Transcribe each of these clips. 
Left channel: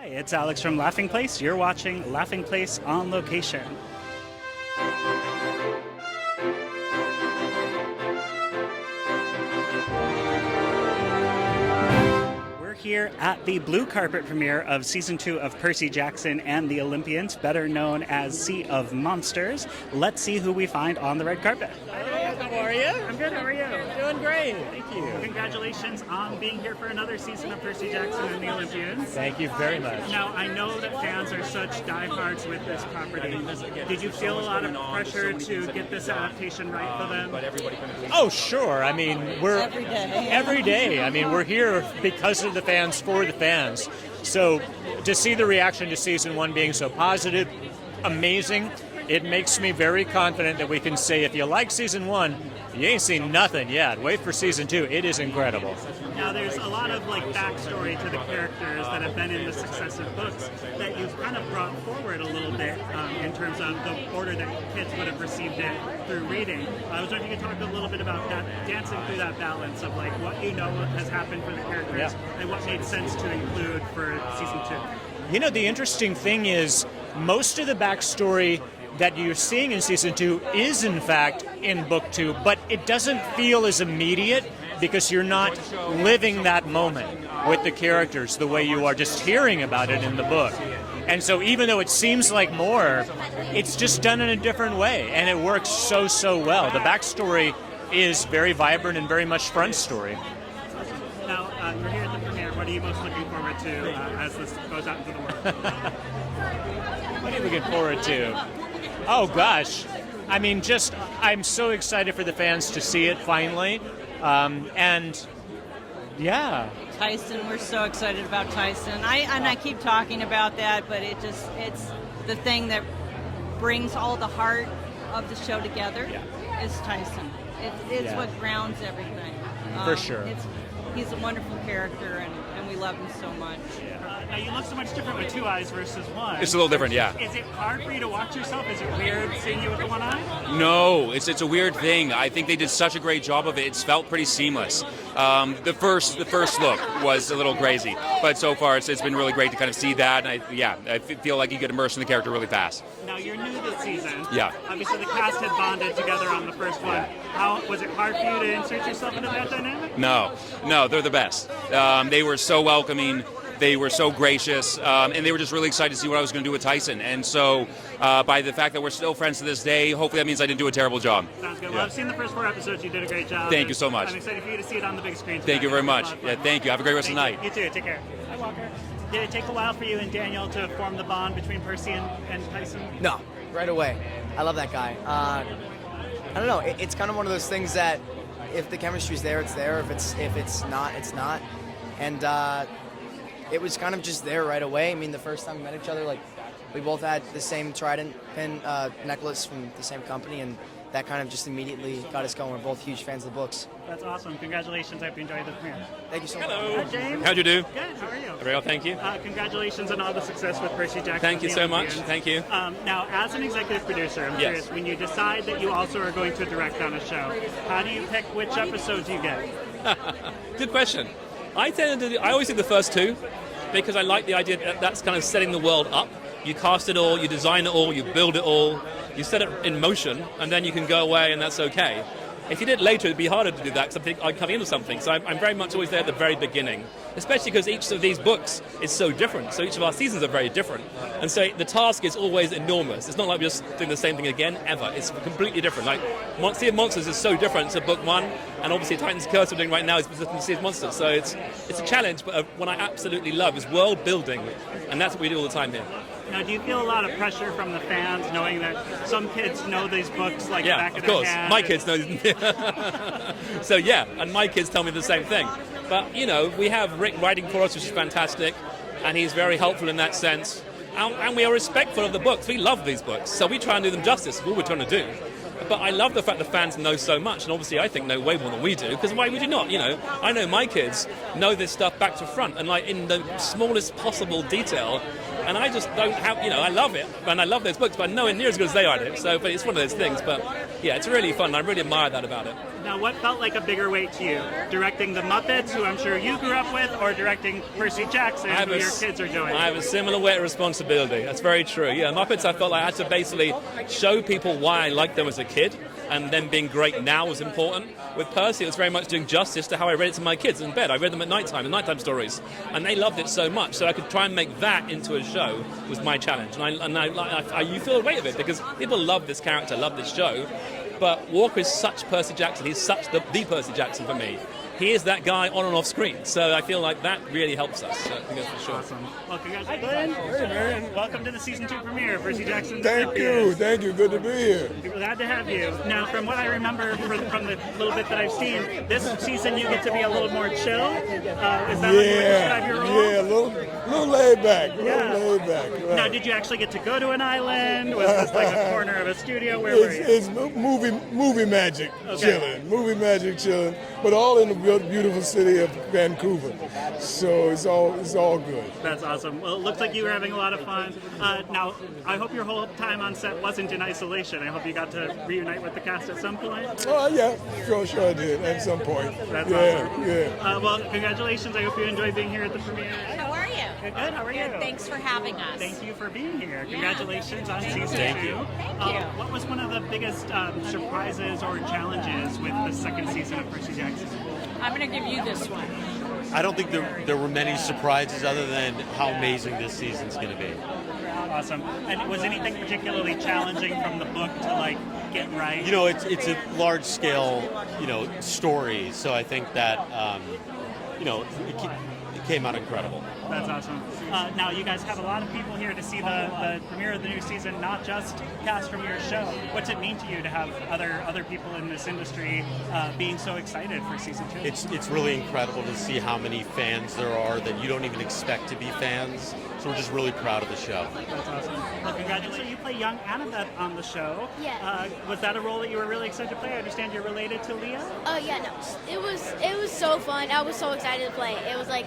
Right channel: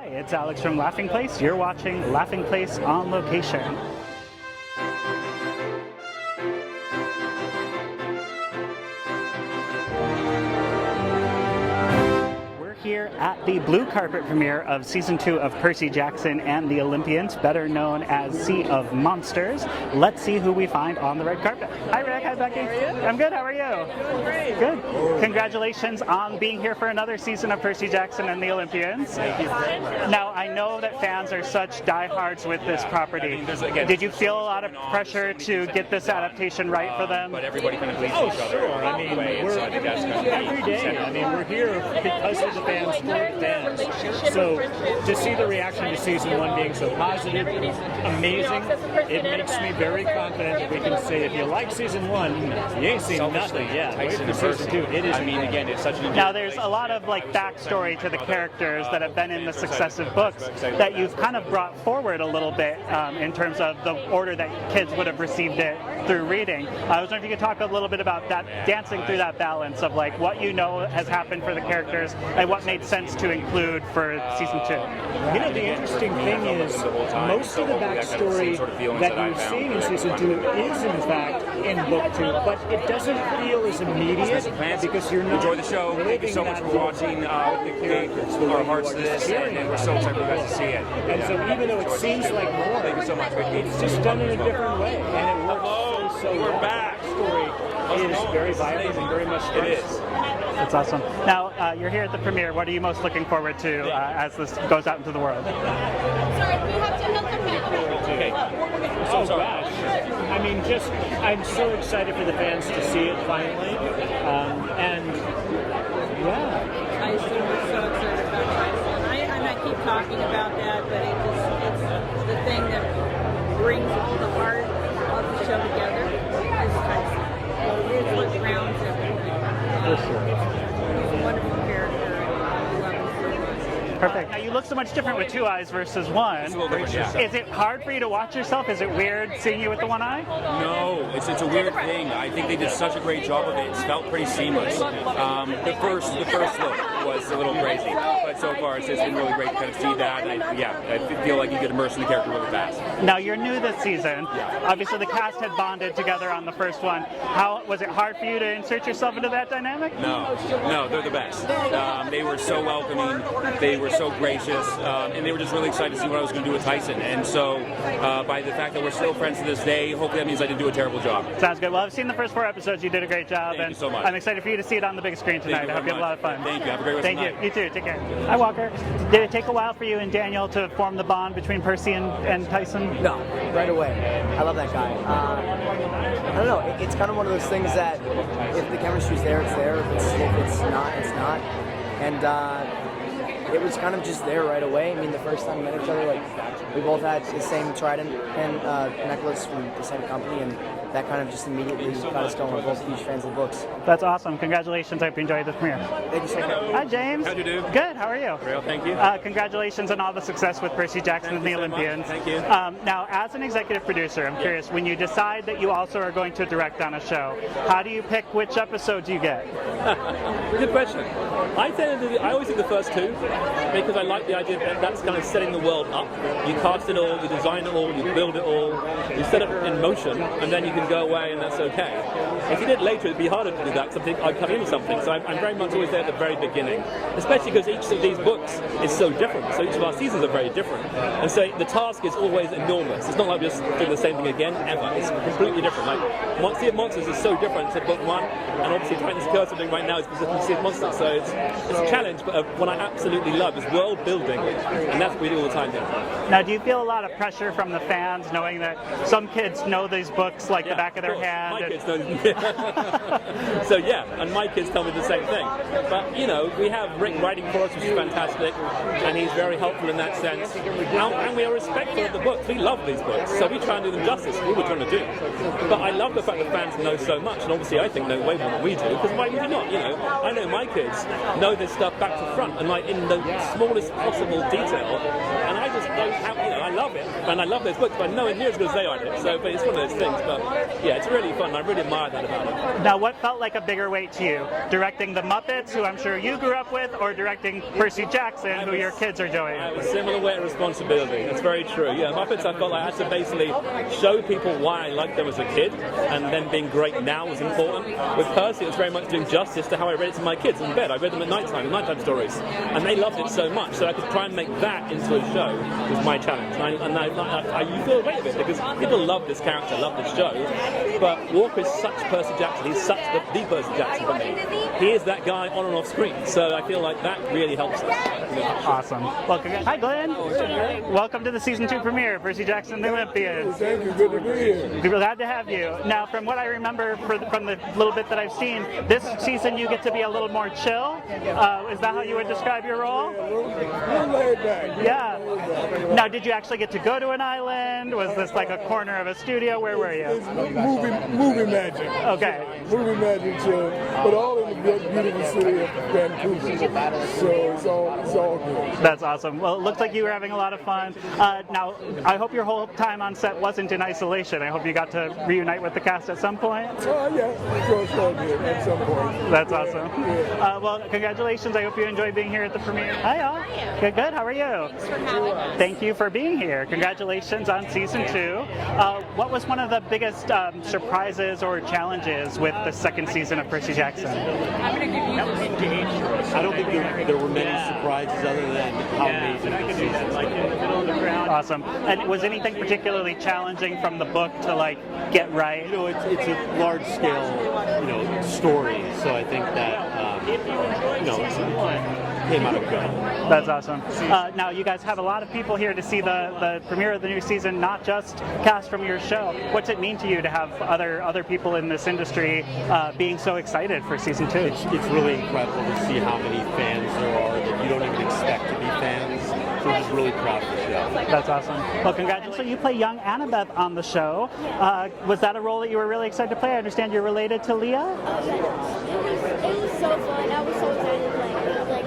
Hi, it's Alex from Laughing Place. You're watching Laughing Place on Location. Here at the blue carpet premiere of Season 2 of Percy Jackson and the Olympians, better known as Sea of Monsters. Let's see who we find on the red carpet. Hi Rick, hi Becky. How are you? I'm good, how are you? Doing great. Good. Congratulations on being here for another season of Percy Jackson and the Olympians. Thank you very much. Now, I know that fans are such diehards with this property. Did you feel a lot of pressure to get this adaptation right for them? Oh, sure. I mean, we're every day. I mean, we're here because of the fans, for the fans. So to see the reaction to Season 1 being so positive, amazing, it makes me very confident that we can say if you like Season 1, you ain't seen nothing yet. Wait for Season 2. It is incredible. Now, there's a lot of backstory to the characters that have been in the successive books that you've kind of brought forward a little bit in terms of the order that kids would have received it through reading. I was wondering if you could talk a little bit about that, dancing through that balance of what you know has happened for the characters and what made sense to include for Season 2. You know, the interesting thing is most of the backstory that you're seeing in Season 2 is in fact in Book 2, but it doesn't feel as immediate because you're not living that moment with the characters the way you are just hearing about it in the book. And so even though it seems like more, it's just done in a different way, and it works so well. The backstory is very vibrant and very much front story. That's awesome. Now, you're here at the premiere. What are you most looking forward to as this goes out into the world? Looking forward to. Oh gosh, I mean, I'm so excited for the fans to see it finally, and yeah. Tyson, we're so excited about Tyson. I keep talking about that, but it's the thing that brings all the heart of the show together is Tyson. It's what grounds everything. For sure. He's a wonderful character, and we love him so much. Perfect. Now, you look so much different with two eyes versus one. It's a little different, yeah. Is it hard for you to watch yourself? Is it weird seeing you with the one eye? No, it's a weird thing. I think they did such a great job of it. It's felt pretty seamless. The first look was a little crazy, but so far it's been really great to kind of see that. I feel like you get immersed in the character really fast. Now, you're new this season. Yeah. Obviously, the cast had bonded together on the first one. How was it hard for you to insert yourself into that dynamic? No, they're the best. They were so welcoming. They were so gracious, and they were just really excited to see what I was going to do with Tyson. And so, by the fact that we're still friends to this day, hopefully that means I didn't do a terrible job. Sounds good. Well, I've seen the first 4 episodes. You did a great job. Thank you so much. I'm excited for you to see it on the big screen tonight. Thank you very much. And thank you. Have a great rest of the night. You too. Take care. Hi, Walker. Did it take a while for you and Daniel to form the bond between Percy and Tyson? No, right away. I love that guy. I don't know. It's kind of one of those things that if the chemistry's there, it's there. If it's not, it's not. And it was kind of just there right away. I mean, the first time we met each other, we both had the same trident pen necklace from the same company, and that kind of just immediately got us going. We're both huge fans of the books. That's awesome. Congratulations. I hope you enjoyed the premiere. Thank you so much. Hi, James. How'd you do? Good. How are you? Real, thank you. Congratulations on all the success with Percy Jackson Thank and you the so much. Olympians. Thank you. Now, as an executive producer, I'm curious, when you decide that you also are going to direct on a show, how do you pick which episodes you get? Good question. I always think the first 2 because I like the idea that that's kind of setting the world up. You cast it all, you design it all, you build it all, you set it in motion, and then you can go away and that's okay. If you did later, it'd be harder to do that because I'm coming into something. So I'm very much always there at the very beginning, especially because each of these books is so different. So each of our seasons are very different. And so the task is always enormous. It's not like just doing the same thing again, ever. It's completely different. Like, Sea of Monsters is so different to book 1, and obviously Titan's Curse we're doing right now is Sea of Monsters. So it's a challenge, but what I absolutely love is world building, and that's what we do all the time here. Now, do you feel a lot of pressure from the fans knowing that some kids know these books like the back of their hand? My kids know. So yeah, and my kids tell me the same thing. But we have Rick writing for us, which is fantastic, and he's very helpful in that sense. And we are respectful of the books. We love these books, so we try and do them justice. What we're trying to do. But I love the fact that fans know so much, and obviously I think know way more than we do. Because why would you not? I know my kids know this stuff back to front, and in the smallest possible detail. And I just don't have, I love it, and I love those books, but nowhere near as good as they are. So, but it's one of those things. But yeah, it's really fun. I really admire that about it. Now, what felt like a bigger weight to you? Directing the Muppets, who I'm sure you grew up with, or directing Percy Jackson, who your kids are doing? I have a similar weight of responsibility. That's very true. Yeah, Muppets, I felt like I had to basically show people why I liked them as a kid, and then being great now was important. With Percy, it was very much doing justice to how I read it to my kids in bed. I read them at nighttime, the nighttime stories, and they loved it so much. So I could try and make that into a show was my challenge. You feel the weight of it because people love this character, love this show. But Walker is such Percy Jackson. He's such the Percy Jackson for me. He is that guy on and off screen. So I feel like that really helps us. Awesome. Well, hi, Glynn. Welcome to the season 2 premiere, Percy Jackson and the Olympians. Thank you. Good to be here. We're glad to have you. Now, from what I remember from the little bit that I've seen, this season you get to be a little more chill. Is that how you would describe your role? Yeah, a little laid back. Yeah. Laid back. Now, did you actually get to go to an island? Was this like a corner of a studio? Where were you? It's movie magic. Okay. Chilling. Movie magic chilling. But all in the beautiful city of Vancouver. So it's all good. That's awesome. Well, it looks like you were having a lot of fun. Now, I hope your whole time on set wasn't in isolation. I hope you got to reunite with the cast at some point. Yeah, sure did at some point. That's awesome. Yeah. Well, congratulations. I hope you enjoyed being here at the premiere. Hi, all. How are you? Good. How are you? Thanks for having us. Thank you for being here. Congratulations on season 2. What was one of the biggest surprises or challenges with the second season of Percy Jackson? I'm going to give you this speech. I don't think there were many surprises other than how amazing this season's going to be. Awesome. And was anything particularly challenging from the book to get right? You know, it's a large scale, story. So I think that it came out incredible. That's awesome. Now, you guys have a lot of people here to see the premiere of the new season, not just cast from your show. What's it mean to you to have other people in this industry being so excited for season 2? It's really incredible to see how many fans there are that you don't even expect to be fans. So we're just really proud of the show. That's awesome. Well, congratulations. So you play young Annabeth on the show. Was that a role that you were really excited to play? I understand you're related to Leah? Oh yeah, no. It was so fun. I was so excited to play. It was like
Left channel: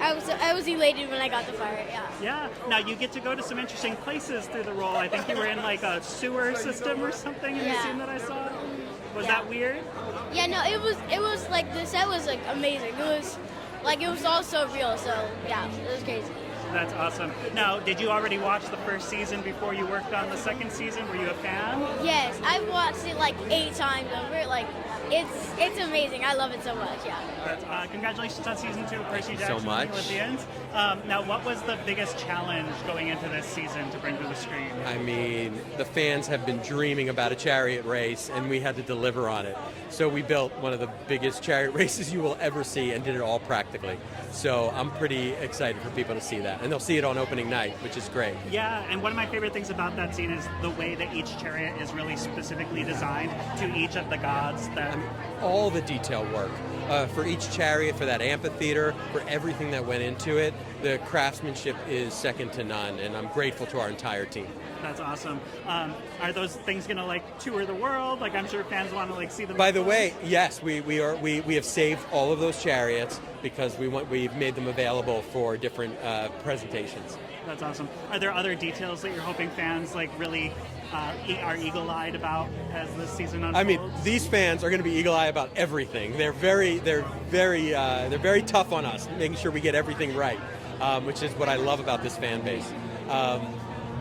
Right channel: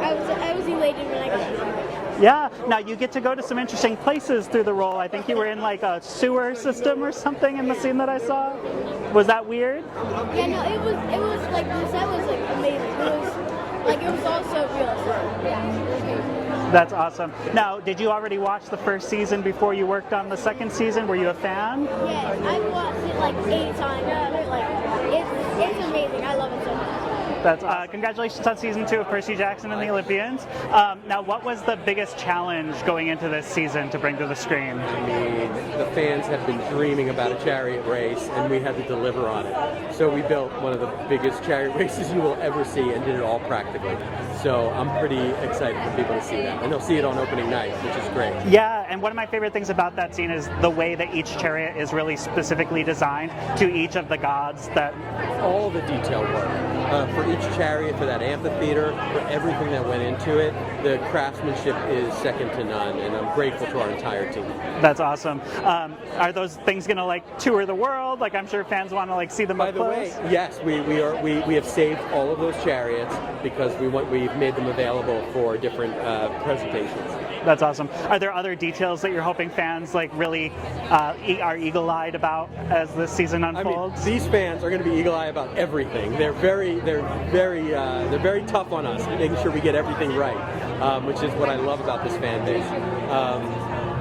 I was elated when I got the part. Yeah. Now you get to go to some interesting places through the role. I think you were in a sewer system or something in the scene that I saw. Was that weird? Yeah, no, it was like the set was amazing. It was all so real. So yeah, it was crazy. That's awesome. Now, did you already watch the first season before you worked on the second season? Were you a fan? Yes, I've watched it 8 times. It's amazing. I love it so much. Yeah. That's congratulations on season 2 of Percy Jackson and the Olympians. Now, what was the biggest challenge going into this season to bring to the screen? I mean, the fans have been dreaming about a chariot race, and we had to deliver on it. So we built one of the biggest chariot races you will ever see and did it all practically. So I'm pretty excited for people to see that. And they'll see it on opening night, which is great. Yeah, and one of my favorite things about that scene is the way that each chariot is really specifically designed to each of the gods. That all the detail work. For each chariot, for that amphitheater, for everything that went into it, the craftsmanship is second to none, and I'm grateful to our entire team. That's awesome. Are those things going to tour the world? I'm sure fans want to see them. By the way, yes, we have saved all of those chariots because we've made them available for different presentations. That's awesome. Are there other details that you're hoping fans really are eagle-eyed about as this season unfolds? I mean, these fans are going to be eagle-eyed about everything. They're very tough on us, making sure we get everything right, which is what I love about this fan base.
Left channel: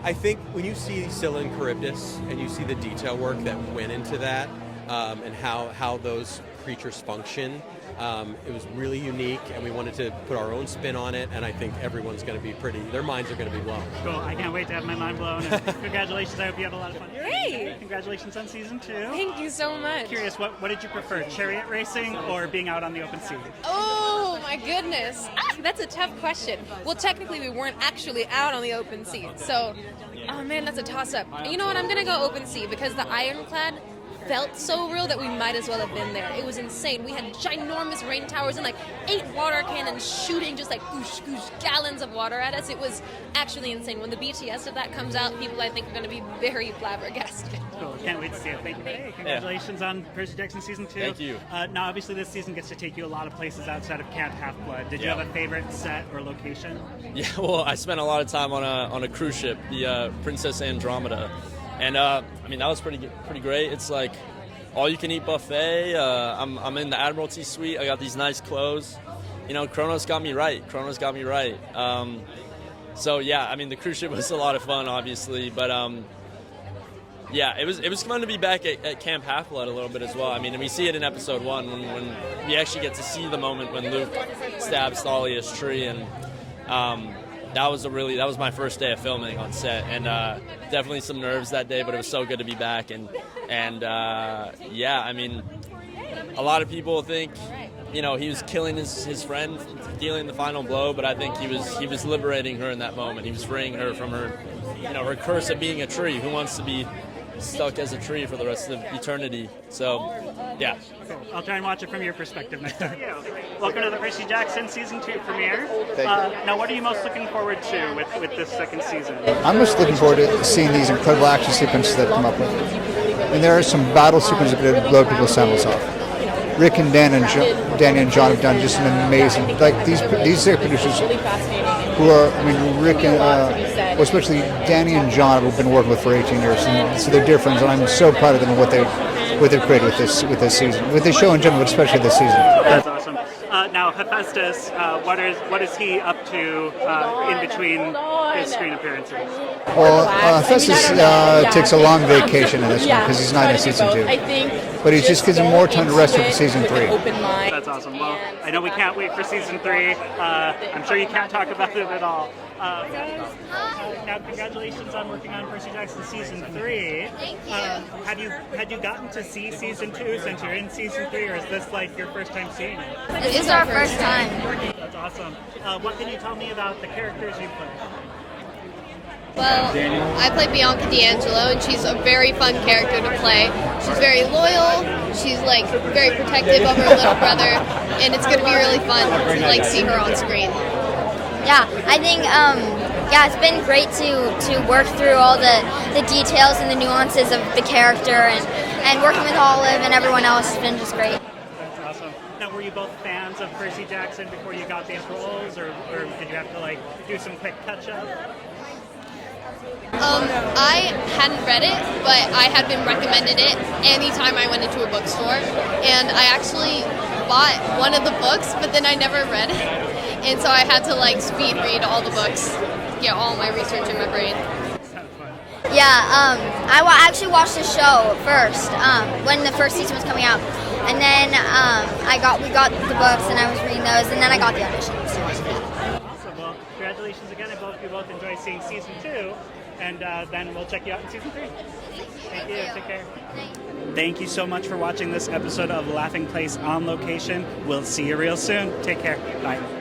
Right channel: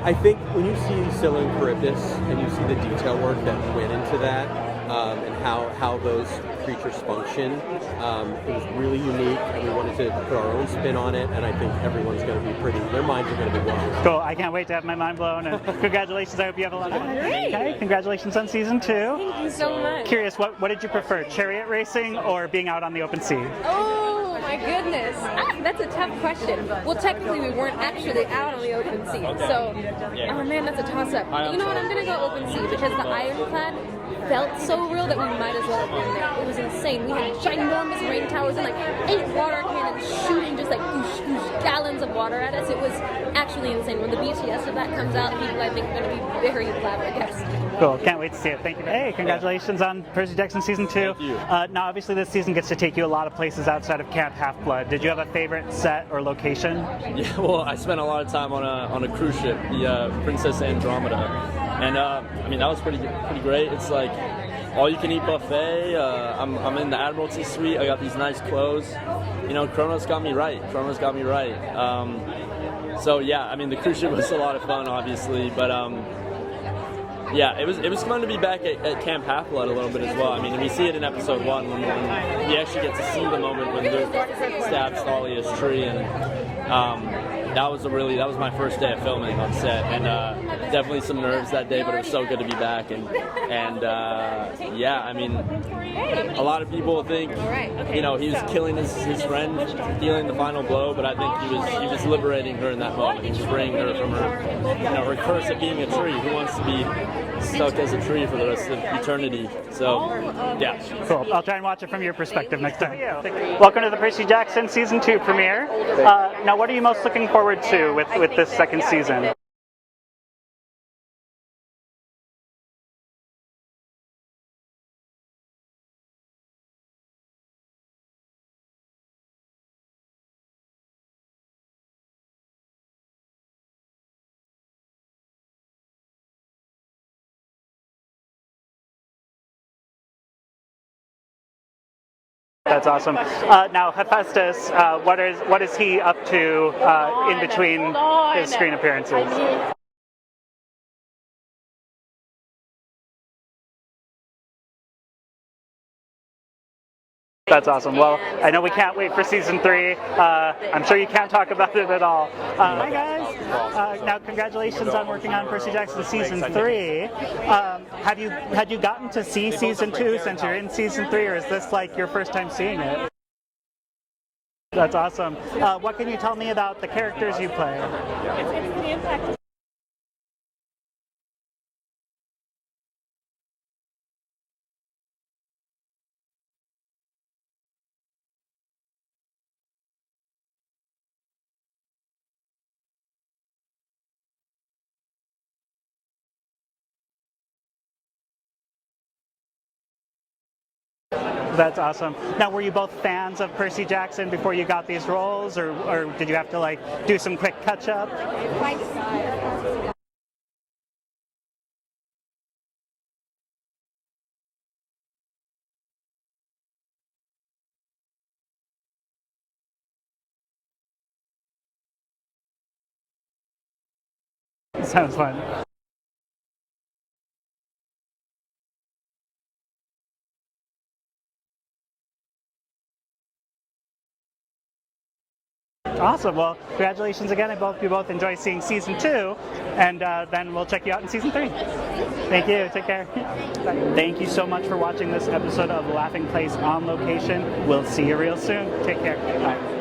I think when you see Scylla and Charybdis and you see the detail work that went into that, and how those creatures function, it was really unique, and we wanted to put our own spin on it, and I think everyone's going to be their minds are going to be blown. Cool. I can't wait to have my mind blown, and congratulations. I hope you have a lot of fun. Okay, congratulations on season 2. Thank you so much. Curious, what did you prefer, chariot racing or being out on the open sea? Oh my goodness, that's a tough question. Well, technically we weren't actually out on the open sea, so oh man, that's a toss-up. You know what? I'm gonna go open sea because the ironclad felt so real that we might as well have been there. It was insane. We had ginormous rain towers and 8 water cannons shooting just whoosh, whoosh, gallons of water at us. It was actually insane. When the BTS of that comes out, people I think are going to be very flabbergasted. Cool. Can't wait to see it. Thank you. Hey, congratulations on Percy Jackson season 2. Thank you. Now, obviously, this season gets to take you a lot of places outside of Camp Half-Blood. Did you have a favorite set or location? Yeah, well, I spent a lot of time on a cruise ship, the Princess Andromeda, and I mean that was pretty great. It's all-you-can-eat buffet. I'm in the Admiralty Suite. I got these nice clothes. You know, Kronos got me right. So yeah, I mean, the cruise ship was a lot of fun, obviously, but yeah, it was fun to be back at Camp Half-Blood a little bit as well. I mean, we see it in episode 1 when you actually get to see the moment when Luke stabs Thalia's tree, and that was my first day of filming on set, and definitely some nerves that day, but it was so good to be back, and yeah, I mean, a lot of people think, you know, he was killing his friend, dealing the final blow, but I think he was liberating her in that moment. He was freeing her from her, you know, her curse of being a tree. Who wants to be stuck as a tree for the rest of eternity? So, yeah. Cool. I'll try and watch it from your perspective next time. Welcome to the Percy Jackson Season 2 premiere. Now, what are you most looking forward to with this second season? I'm most looking forward to seeing these incredible action sequences that come up with. And there are some battle sequences that blow people's saddles off. Rick and Danny and John have done just an amazing, like these are producers who are, I mean, Rick and, well, especially Danny and John have been working with for 18 years, and so they're dear friends, and I'm so proud of them and what they've created with this season, with this show in general, but especially this season. That's awesome. Now, Hephaestus, what is he up to in between his screen appearances? Well, Hephaestus takes a long vacation in this one because he's not in season 2. But he just gives him more time to rest for season 3. That's awesome. Well, I know we can't wait for season 3. I'm sure you can't talk about it at all. Hi guys. Now, congratulations on working on Percy Jackson season 3. Had you gotten to see season 2 since you're in season 3, or is this like your first time seeing it? This is our first time. That's awesome. What can you tell me about the characters you play? Well, I play Bianca D'Angelo, and she's a very fun character to play. She's very loyal, she's like very protective of her little brother, and it's going to be really fun to like see her on screen. Yeah, I think it's been great to work through all the details and the nuances of the character, and working with Olive and everyone else has been just great. That's awesome. Now, were you both fans of Percy Jackson before you got these roles, or did you have to like do some quick catch-up? I hadn't read it, but I had been recommended it anytime I went into a bookstore, and I actually bought one of the books, but then I never read it, and so I had to like speed read all the books, get all my research in my brain. Sounds fun. Yeah, I actually watched the show first when the first season was coming out, and then we got the books and I was reading those, and then I got the auditions. Awesome. Well, congratulations again. I hope you both enjoy seeing season 2, and then we'll check you out in season 3. Thank you. Take care. Bye. Thank you so much for watching this episode of Laughing Place on Location. We'll see you real soon. Take care. Bye.